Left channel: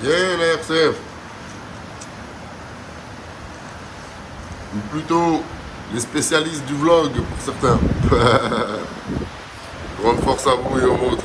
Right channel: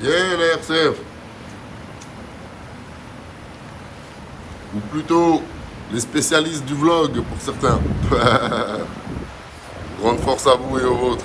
Yeah, la RCF. Ou plutôt les spécialistes du vlog pour certains. Grande force à vous et aux vôtres.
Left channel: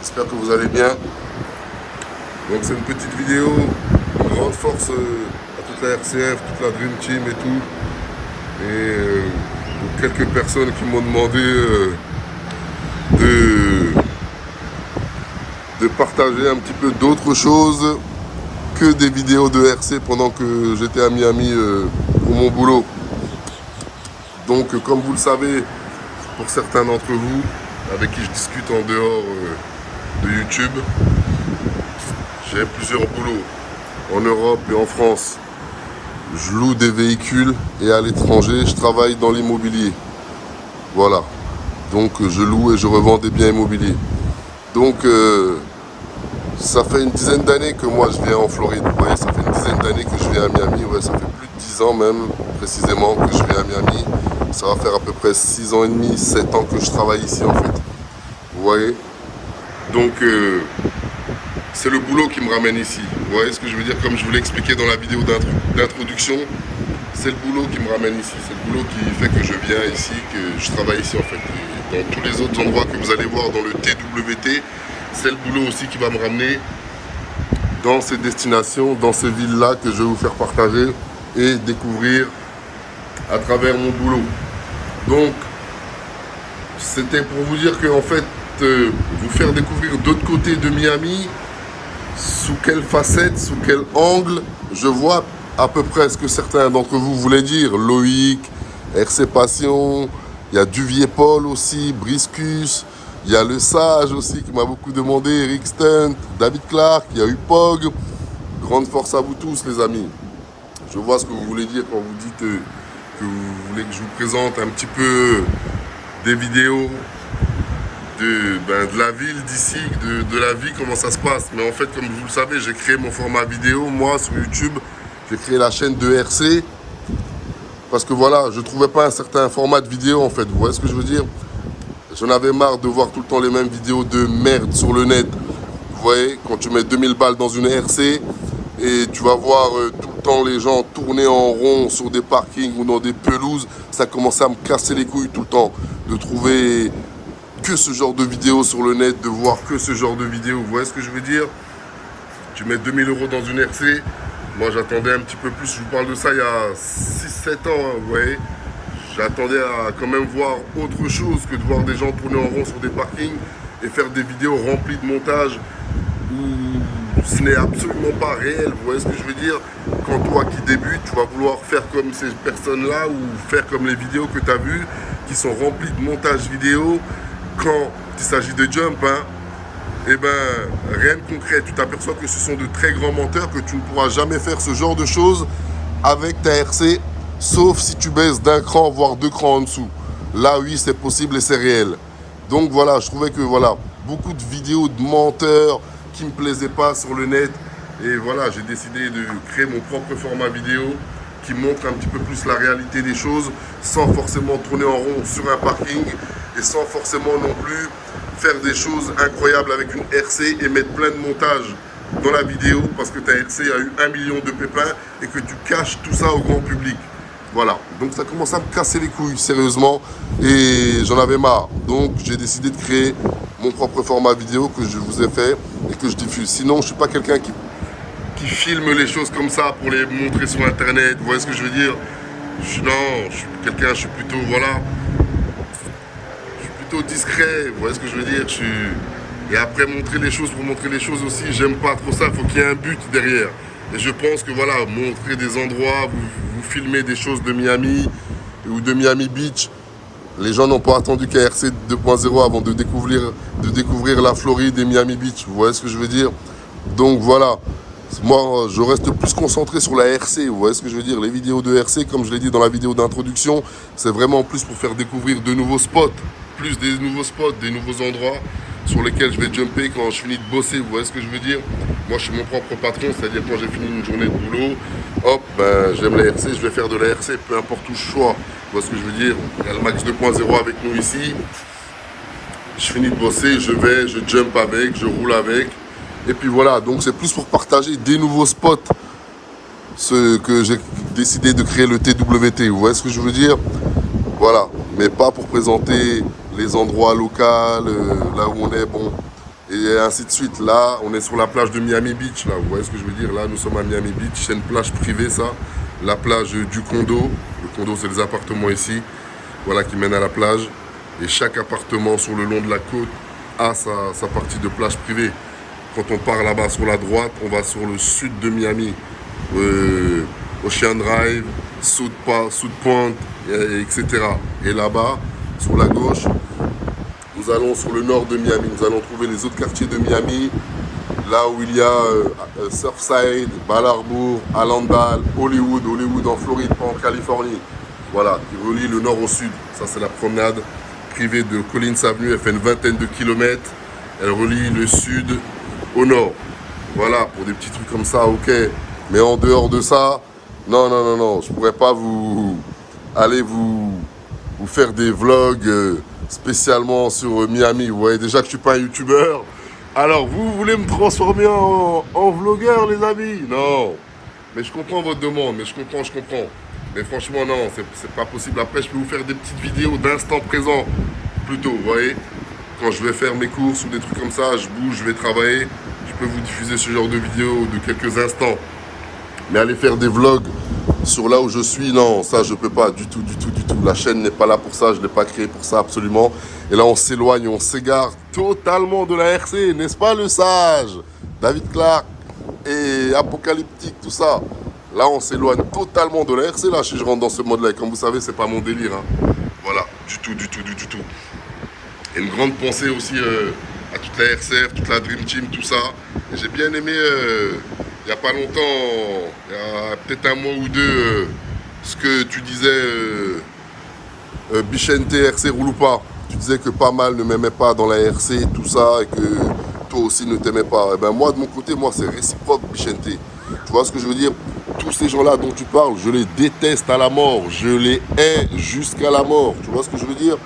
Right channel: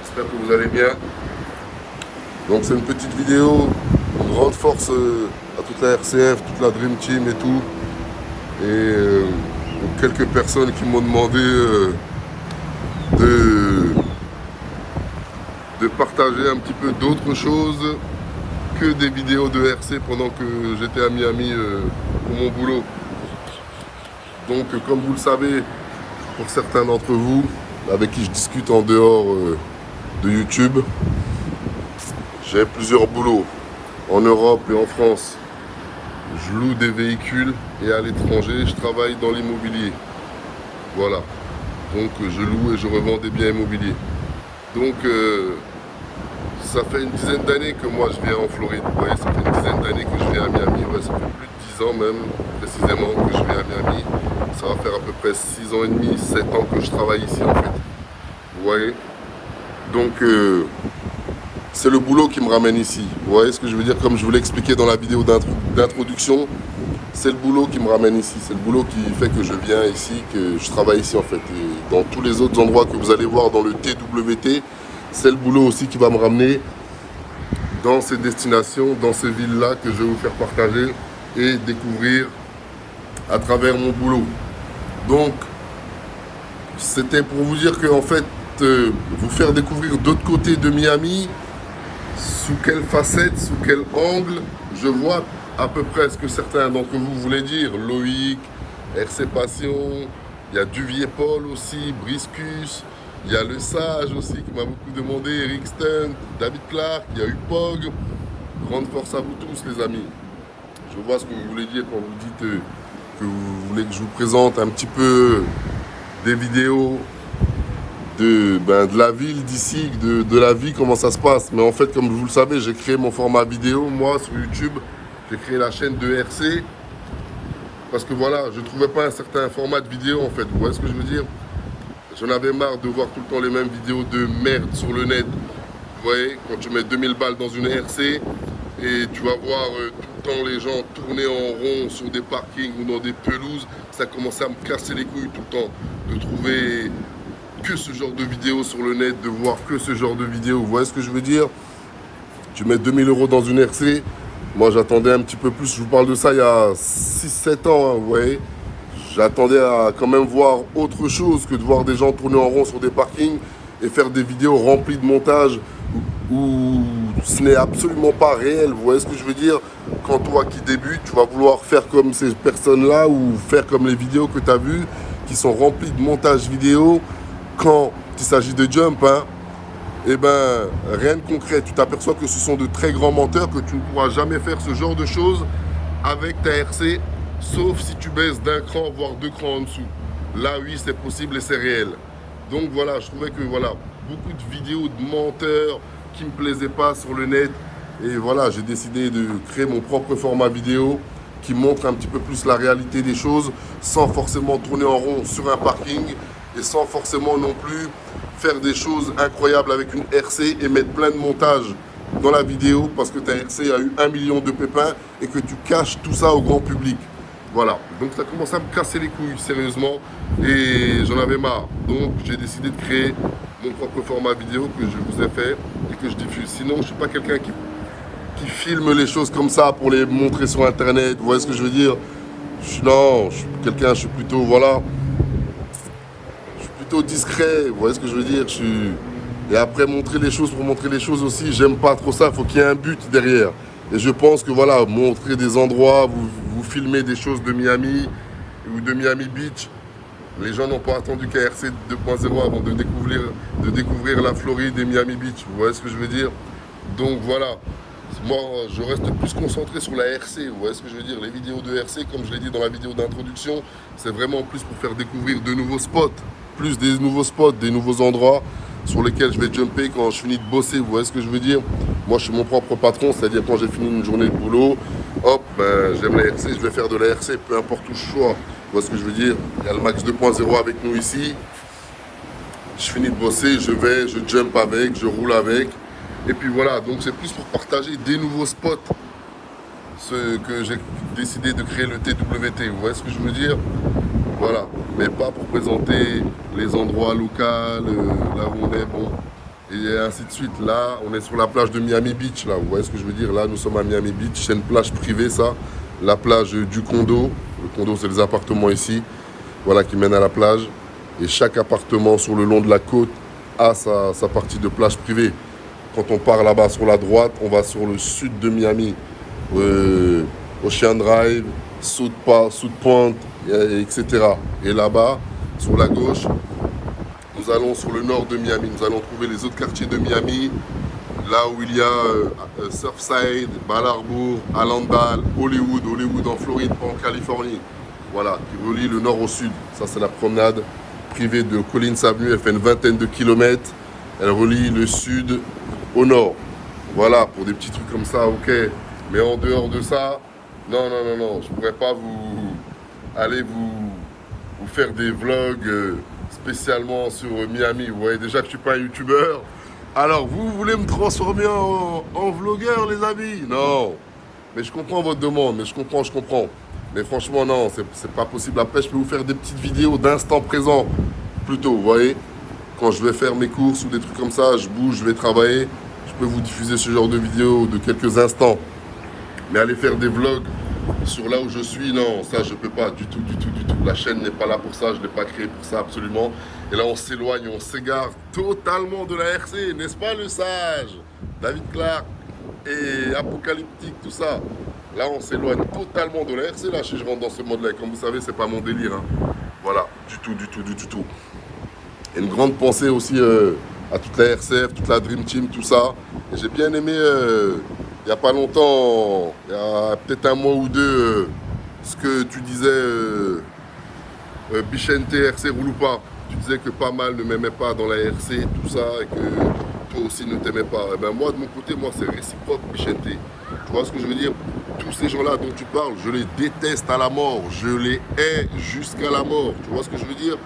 J'espère que vous allez bien. Donc c'est une petite vidéo. Grande force à toute la RCF, toute la Dream Team et tout. Et aux quelques personnes qui m'ont demandé de, de partager un petit peu d'autres choses que des vidéos de RC pendant que j'étais à Miami pour mon boulot. Donc comme vous le savez, pour certains d'entre vous avec qui je discute en dehors de YouTube, j'ai plusieurs boulots en Europe et en France. Je loue des véhicules et à l'étranger, je travaille dans l'immobilier. Voilà. Donc je loue et je revends des biens immobiliers. Donc ça fait une dizaine d'années que moi je viens en Floride. Vous voyez, ça fait une dizaine d'années que je viens à Miami. Ouais, ça fait plus de 10 ans même, précisément, que je viens à Miami. Ça va faire à peu près 6 ans et demi, 7 ans que je travaille ici en fait. Vous voyez? Donc c'est le boulot qui me ramène ici. Vous voyez ce que je veux dire? Comme je vous l'ai expliqué dans la vidéo d'introduction, c'est le boulot qui me ramène ici. C'est le boulot qui fait que je viens ici, que je travaille ici en fait. Et dans tous les autres endroits que vous allez voir dans le TWT, c'est le boulot aussi qui va me ramener dans ces destinations, dans ces villes-là que je vais vous faire partager et découvrir à travers mon boulot. Donc, c'était pour vous dire que en fait, vous faire découvrir d'autres côtés de Miami, sous quelle facette, sous quel angle, je vois à peu près ce que certains d'entre vous voulaient dire. Loïc, RC Passion, il y a Duvier Paul aussi, Briscus, il y a Le Sage aussi qui m'a beaucoup demandé, Eric Stunt, David Clark, il y a eu Pog. Grande force à vous tous les amis. Je vois ce que vous voulez dire quand vous dites que vous voulez que je vous présente un petit peu des vidéos de la ville d'ici, de la vie, comment ça se passe. Mais en fait, comme vous le savez, j'ai créé mon format vidéo, moi, sur YouTube. J'ai créé la chaîne de RC. Parce que voilà, je ne trouvais pas un certain format de vidéo, en fait. Vous voyez ce que je veux dire? J'en avais marre de voir tout le temps les mêmes vidéos de merde sur le net. Vous voyez, quand tu mets 2000 balles dans une RC, et tu vas voir tout le temps les gens tourner en rond sur des parkings ou dans des pelouses, ça commençait à me casser les couilles tout le temps. De trouver que ce genre de vidéos sur le net, de voir que ce genre de vidéos. Vous voyez ce que je veux dire? Tu mets 2000 € dans une RC. Moi, j'attendais un petit peu plus. Je vous parle de ça il y a 6-7 ans, hein, vous voyez. J'attendais à quand même voir autre chose que de voir des gens tourner en rond sur des parkings et faire des vidéos remplies de montage où ce n'est absolument pas réel. Vous voyez ce que je veux dire? Quand toi qui débutes, tu vas vouloir faire comme ces personnes-là ou faire comme les vidéos que tu as vues qui sont remplies de montage vidéo. Quand il s'agit de jump, hein, eh ben, rien de concret. Tu t'aperçois que ce sont de très grands menteurs, que tu ne pourras jamais faire ce genre de choses avec ta RC, sauf si tu baisses d'un cran, voire 2 crans en dessous. Là, oui, c'est possible et c'est réel. Donc voilà, je trouvais que voilà, beaucoup de vidéos de menteurs qui ne me plaisaient pas sur le net. Et voilà, j'ai décidé de créer mon propre format vidéo qui montre un petit peu plus la réalité des choses, sans forcément tourner en rond sur un parking et sans forcément non plus faire des choses incroyables avec une RC et mettre plein de montage dans la vidéo parce que ta RC a eu 1 million de pépins et que tu caches tout ça au grand public. Voilà, donc ça commence à me casser les couilles, sérieusement, et j'en avais marre. Donc j'ai décidé de créer mon propre format vidéo que je vous ai fait et que je diffuse. Sinon, je ne suis pas quelqu'un qui filme les choses comme ça pour les montrer sur Internet. Vous voyez ce que je veux dire? Non, je suis quelqu'un, je suis plutôt, voilà, plutôt discret. Vous voyez ce que je veux dire? Et après, montrer les choses pour montrer les choses aussi, j'aime pas trop ça. Il faut qu'il y ait un but derrière. Et je pense que voilà, montrer des endroits, vous filmez des choses de Miami ou de Miami Beach. Les gens n'ont pas attendu KRC 2.0 avant de découvrir la Floride et Miami Beach. Vous voyez ce que je veux dire? Donc voilà, moi je reste plus concentré sur la RC. Vous voyez ce que je veux dire? Les vidéos de RC, comme je l'ai dit dans la vidéo d'introduction, c'est vraiment plus pour faire découvrir de nouveaux spots. Plus des nouveaux spots, des nouveaux endroits sur lesquels je vais jumper quand je finis de bosser. Vous voyez ce que je veux dire? Moi je suis mon propre patron, c'est-à-dire quand j'ai fini une journée de boulot, hop, ben j'aime la RC, je vais faire de la RC, peu importe où je sois. Vous voyez ce que je veux dire? Il y a le Max 2.0 avec nous ici. je finis de bosser, je vais, je jump avec, je roule avec. Et puis voilà, donc c'est plus pour partager des nouveaux spots ce que j'ai décidé de créer le TWT. Vous voyez ce que je veux dire? Voilà, mais pas pour présenter les endroits locaux, là où on est, bon, et ainsi de suite. Là, on est sur la plage de Miami Beach, là, vous voyez ce que je veux dire? Là, nous sommes à Miami Beach, c'est une plage privée, ça, la plage du condo. Le condo, c'est les appartements ici, voilà, qui mènent à la plage. Et chaque appartement sur le long de la côte a sa partie de plage privée. Quand on part là-bas sur la droite, on va sur le sud de Miami, Ocean Drive, South Point, etc. Et là-bas, sur la gauche, nous allons sur le nord de Miami. Nous allons trouver les autres quartiers de Miami, là où il y a Surfside, Bal Harbour, Allendale, Hollywood en Floride, pas en Californie. Voilà, qui relie le nord au sud. Ça, c'est la promenade privée de Collins Avenue. Elle fait une vingtaine de kilomètres. Elle relie le sud au nord. Voilà, pour des petits trucs comme ça, ok. Mais en dehors de ça, non, je pourrais pas aller vous faire des vlogs spécialement sur Miami. Vous voyez déjà que je suis pas un youtubeur. Alors, vous voulez me transformer en vlogueur, les amis? Non. Mais je comprends votre demande, je comprends. Mais franchement, non, c'est pas possible. Après, je peux vous faire des petites vidéos d'instant présent, plutôt, vous voyez. Quand je vais faire mes courses ou des trucs comme ça, je bouge, je vais travailler. Je peux vous diffuser ce genre de vidéos de quelques instants. Mais aller faire des vlogs sur là où je suis, non, ça je peux pas du tout. La chaîne n'est pas là pour ça, je ne l'ai pas créée pour ça absolument. Et là on s'éloigne, on s'égare totalement de la RC, n'est-ce pas le sage David Clark et Apocalyptique, tout ça. Là on s'éloigne totalement de la RC, là si je rentre dans ce mode-là. Et comme vous savez, c'est pas mon délire. Hein. Voilà, du tout. Et une grande pensée aussi à toute la RCF, toute la Dream Team, tout ça. Et j'ai bien aimé... il n'y a pas longtemps, il y a peut-être un mois ou deux, ce que tu disais, Bichente, RC roule ou pas. Tu disais que pas mal ne m'aimaient pas dans la RC, tout ça, et que toi aussi ne t'aimais pas. Et ben moi, de mon côté, moi, c'est réciproque, Bichente. Tu vois ce que je veux dire? Tous ces gens-là dont tu parles, je les déteste à la mort. Je les hais jusqu'à la mort. Tu vois ce que je veux dire?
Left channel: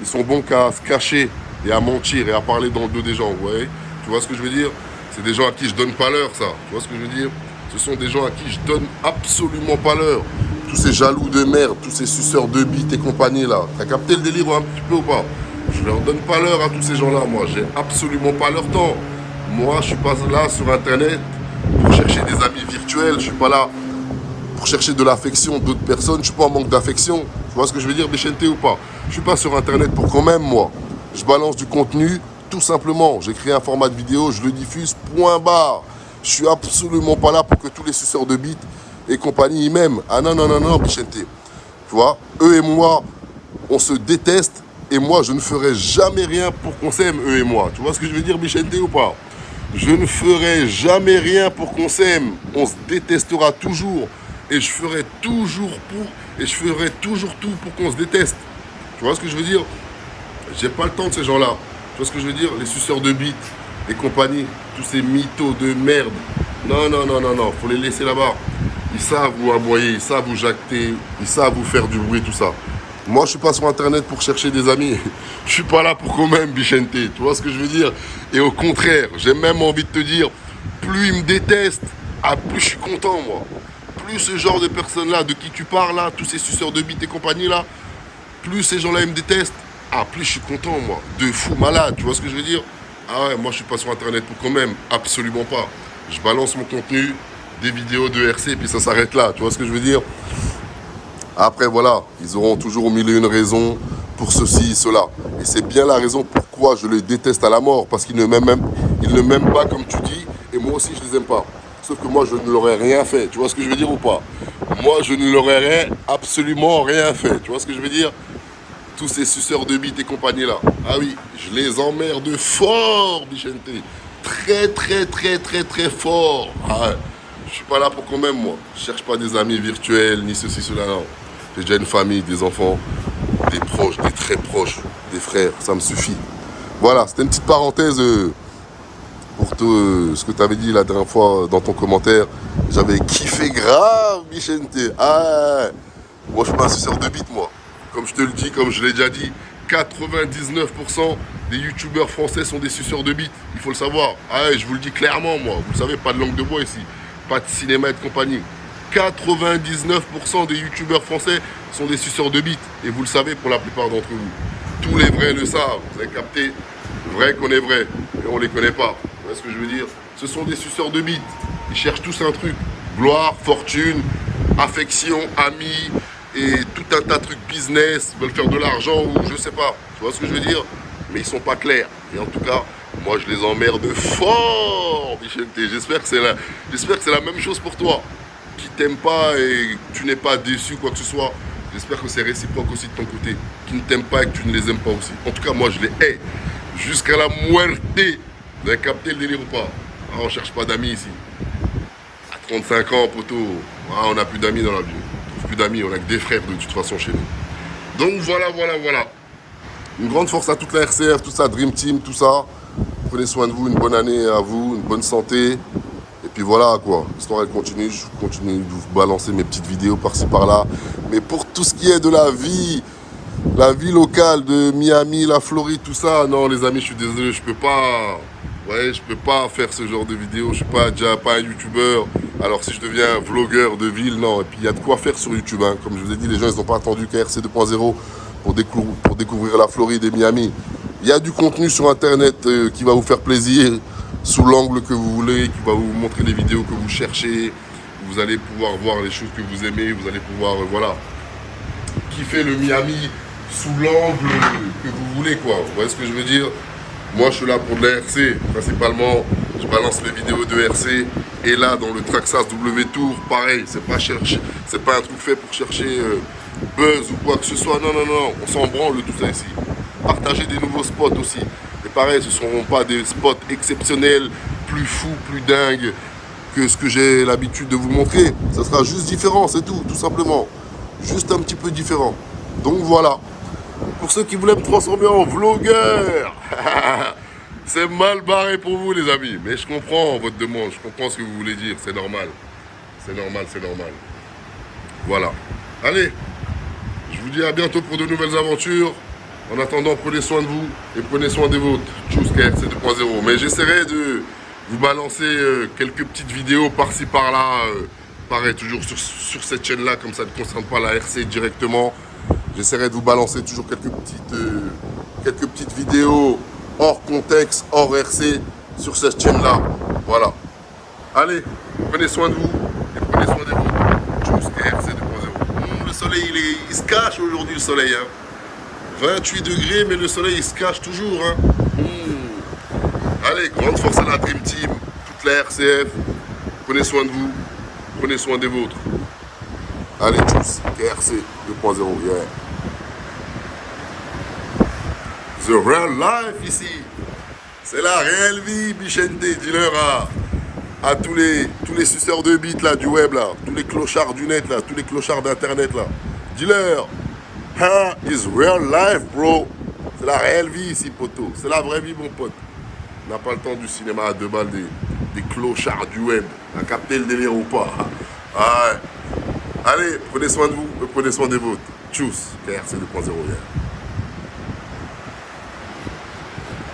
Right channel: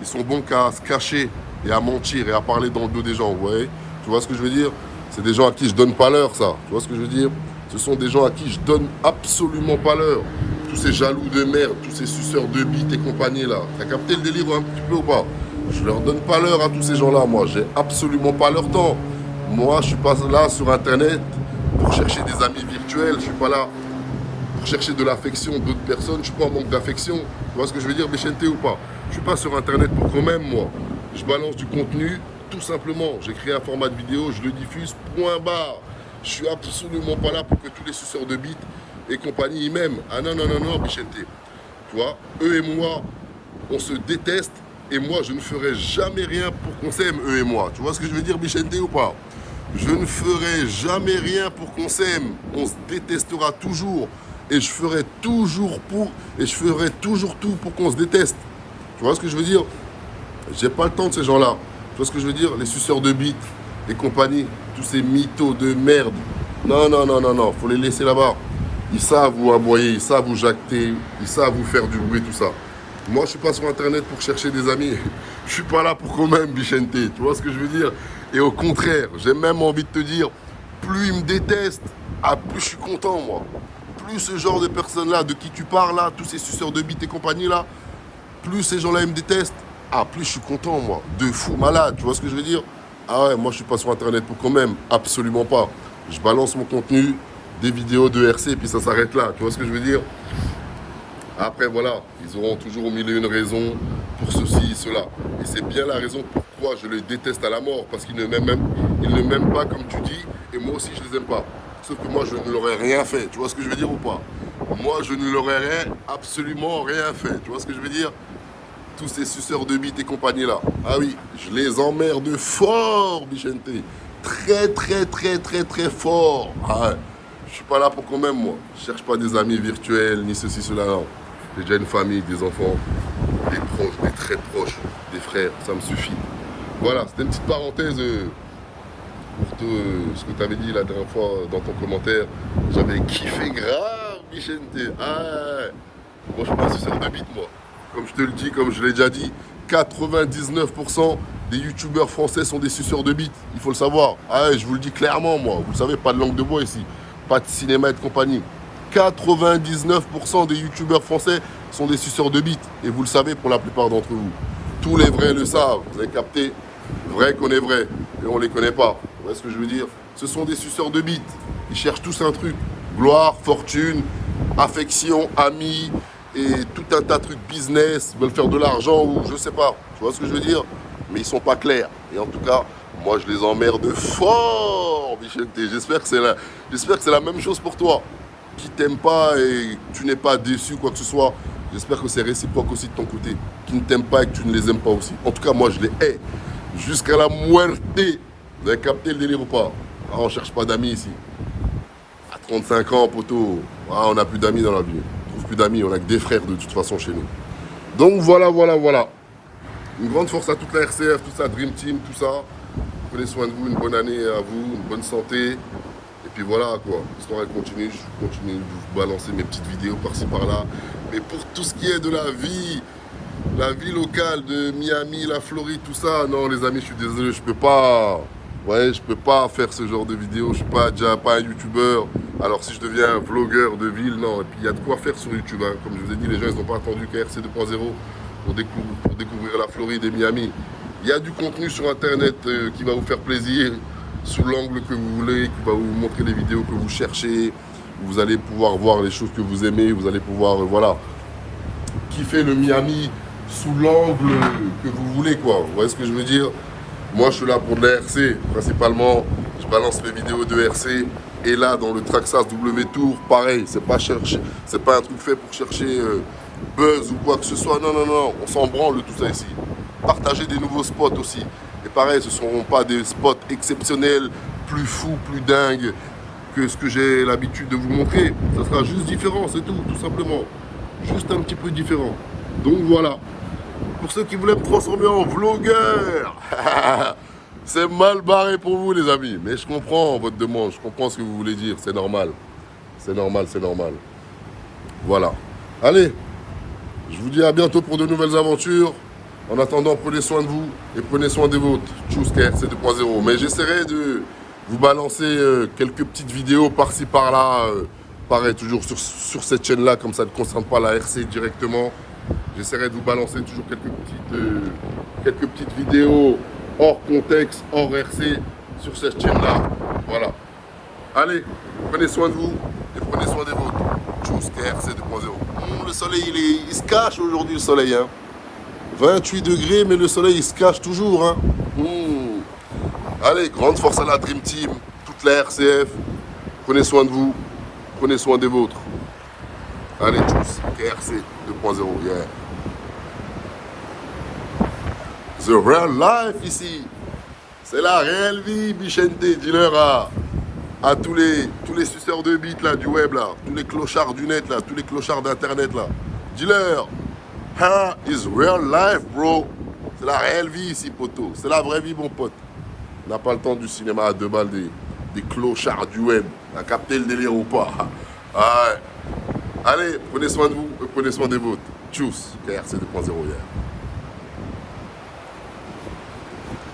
Ils sont bons qu'à se cacher et à mentir et à parler dans le dos des gens, vous voyez? Tu vois ce que je veux dire? C'est des gens à qui je donne pas l'heure, ça. Tu vois ce que je veux dire? Ce sont des gens à qui je donne absolument pas l'heure. Tous ces jaloux de merde, tous ces suceurs de bites et compagnie, là. T'as capté le délire un petit peu ou pas? Je leur donne pas l'heure à tous ces gens-là, moi. J'ai absolument pas leur temps. Moi, je suis pas là sur Internet pour chercher des amis virtuels. Je suis pas là pour chercher de l'affection d'autres personnes. Je suis pas en manque d'affection. Tu vois ce que je veux dire, Bichente ou pas? Je suis pas sur Internet pour quand même, moi. Je balance du contenu. Tout simplement, j'ai créé un format de vidéo, je le diffuse, point barre. Je suis absolument pas là pour que tous les suceurs de bites et compagnie y m'aiment. Ah non, Bichente. Tu vois, eux et moi, on se déteste et moi, je ne ferai jamais rien pour qu'on s'aime, eux et moi. Tu vois ce que je veux dire, Bichente, ou pas? Je ne ferai jamais rien pour qu'on s'aime. On se détestera toujours et je ferai toujours tout pour qu'on se déteste. Tu vois ce que je veux dire? J'ai pas le temps de ces gens-là. Tu vois ce que je veux dire? Les suceurs de bites et compagnie, tous ces mythos de merde. Non, faut les laisser là-bas. Ils savent vous aboyer, ils savent vous jacter, ils savent vous faire du bruit, tout ça. Moi, je suis pas sur Internet pour chercher des amis. Je suis pas là pour quand même, Bichente. Tu vois ce que je veux dire? Et au contraire, j'ai même envie de te dire, plus ils me détestent, plus je suis content, moi. Plus ce genre de personnes-là, de qui tu parles là, tous ces suceurs de bites et compagnie là, plus ces gens-là, ils me détestent, plus je suis content, moi. De fou malade, tu vois ce que je veux dire? Ah ouais, moi, je suis pas sur Internet pour quand même. Absolument pas. Je balance mon contenu, des vidéos de RC, et puis ça s'arrête là. Tu vois ce que je veux dire? Après, voilà, ils auront toujours mille et une raisons pour ceci, cela. Et c'est bien la raison pourquoi je les déteste à la mort. Parce qu'ils ne m'aiment pas comme tu dis, et moi aussi, je les aime pas. Sauf que moi, je ne leur ai rien fait. Tu vois ce que je veux dire ou pas? Moi, je ne leur ai absolument rien fait. Tu vois ce que je veux dire? Tous ces suceurs de bites et compagnie là. Ah oui, je les emmerde fort, Bichente. Très fort. Ah ouais. Je suis pas là pour quand même, moi. Je cherche pas des amis virtuels, ni ceci, cela, non. J'ai déjà une famille, des enfants, des proches, des très proches, des frères. Ça me suffit. Voilà, c'était une petite parenthèse pour ce que tu avais dit la dernière fois dans ton commentaire. J'avais kiffé grave, Bichente. Ah ouais. Moi, je suis pas un suceur de bites, moi. Comme je te le dis, comme je l'ai déjà dit, 99% des youtubeurs français sont des suceurs de bites. Il faut le savoir. Ah ouais, je vous le dis clairement, moi. Vous le savez, pas de langue de bois ici. Pas de cinéma et de compagnie. 99% des youtubeurs français sont des suceurs de bites. Et vous le savez pour la plupart d'entre vous. Tous les vrais le savent. Vous avez capté? Vrai qu'on est vrai. Et on les connaît pas. Vous voyez ce que je veux dire? Ce sont des suceurs de bites. Ils cherchent tous un truc. Gloire, fortune, affection, amis et tout un tas de trucs business. Ils veulent faire de l'argent ou je sais pas. Tu vois ce que je veux dire? Mais ils sont pas clairs. Et en tout cas, moi je les emmerde fort, Michel T. J'espère que c'est la même chose pour toi. Qui t'aime pas et que tu n'es pas déçu, quoi que ce soit. J'espère que c'est réciproque aussi de ton côté. Qui ne t'aiment pas et que tu ne les aimes pas aussi. En tout cas, moi, je les hais. Jusqu'à la muerte. Vous avez capté le délire ou pas? Ah, on cherche pas d'amis ici. À 35 ans, poteau, ah, on n'a plus d'amis dans la vie. On trouve plus d'amis, on a que des frères de toute façon chez nous. Donc voilà. Une grande force à toute la RCF, tout ça, Dream Team, tout ça. Prenez soin de vous, une bonne année à vous, une bonne santé. Et puis voilà quoi, l'histoire elle continue, je continue de vous balancer mes petites vidéos par-ci par-là. Mais pour tout ce qui est de la vie locale de Miami, la Floride, tout ça, non les amis, je suis désolé, je peux pas faire ce genre de vidéos, je suis déjà pas un youtubeur. Alors si je deviens vlogueur de ville, non, et puis il y a de quoi faire sur YouTube, hein. Comme je vous ai dit, les gens ils n'ont pas attendu KRC 2.0 pour découvrir la Floride et Miami. Il y a du contenu sur internet qui va vous faire plaisir. Sous l'angle que vous voulez, qui va vous montrer les vidéos que vous cherchez. Vous allez pouvoir voir les choses que vous aimez. Vous allez pouvoir, kiffer le Miami sous l'angle que vous voulez, quoi. Vous voyez ce que je veux dire? Moi, je suis là pour de la RC, principalement. Je balance les vidéos de RC. Et là, dans le Traxxas W Tour, pareil, c'est pas un truc fait pour chercher buzz ou quoi que ce soit. Non, on s'en branle de tout ça ici. Partager des nouveaux spots aussi. Et pareil, ce ne seront pas des spots exceptionnels, plus fous, plus dingues que ce que j'ai l'habitude de vous montrer. Ce sera juste différent, c'est tout simplement. Juste un petit peu différent. Donc voilà. Pour ceux qui voulaient me transformer en vlogueur, c'est mal barré pour vous les amis. Mais je comprends votre demande, je comprends ce que vous voulez dire, c'est normal. C'est normal. Voilà. Allez, je vous dis à bientôt pour de nouvelles aventures. En attendant, prenez soin de vous et prenez soin des vôtres. Tchuss, KRC 2.0. Mais j'essaierai de vous balancer quelques petites vidéos par-ci par-là. Pareil, toujours sur cette chaîne-là, comme ça ne concerne pas la RC directement. J'essaierai de vous balancer toujours quelques petites vidéos hors contexte, hors RC, sur cette chaîne-là. Voilà. Allez, prenez soin de vous et prenez soin des vôtres. Tchuss, KRC 2.0. Le soleil, il se cache aujourd'hui, le soleil, hein. 28 degrés, mais le soleil il se cache toujours. Hein. Allez, grande force à la Dream Team, toute la RCF. Prenez soin de vous, prenez soin des vôtres. Allez, tchuss, KRC 2.0, yeah. The real life ici. C'est la réelle vie, Bichente. Dis-leur à tous les suceurs de bites là, du web là, tous les clochards du net là, tous les clochards d'internet là. Dis-leur. Is real life, bro. C'est la réelle vie ici, poteau. C'est la vraie vie, mon pote. On n'a pas le temps du cinéma à 2 balles des clochards du web. À capter le délire ou pas. Ah ouais. Allez, prenez soin de vous et prenez soin des vôtres. Tchuss, KRC 2.0 hier.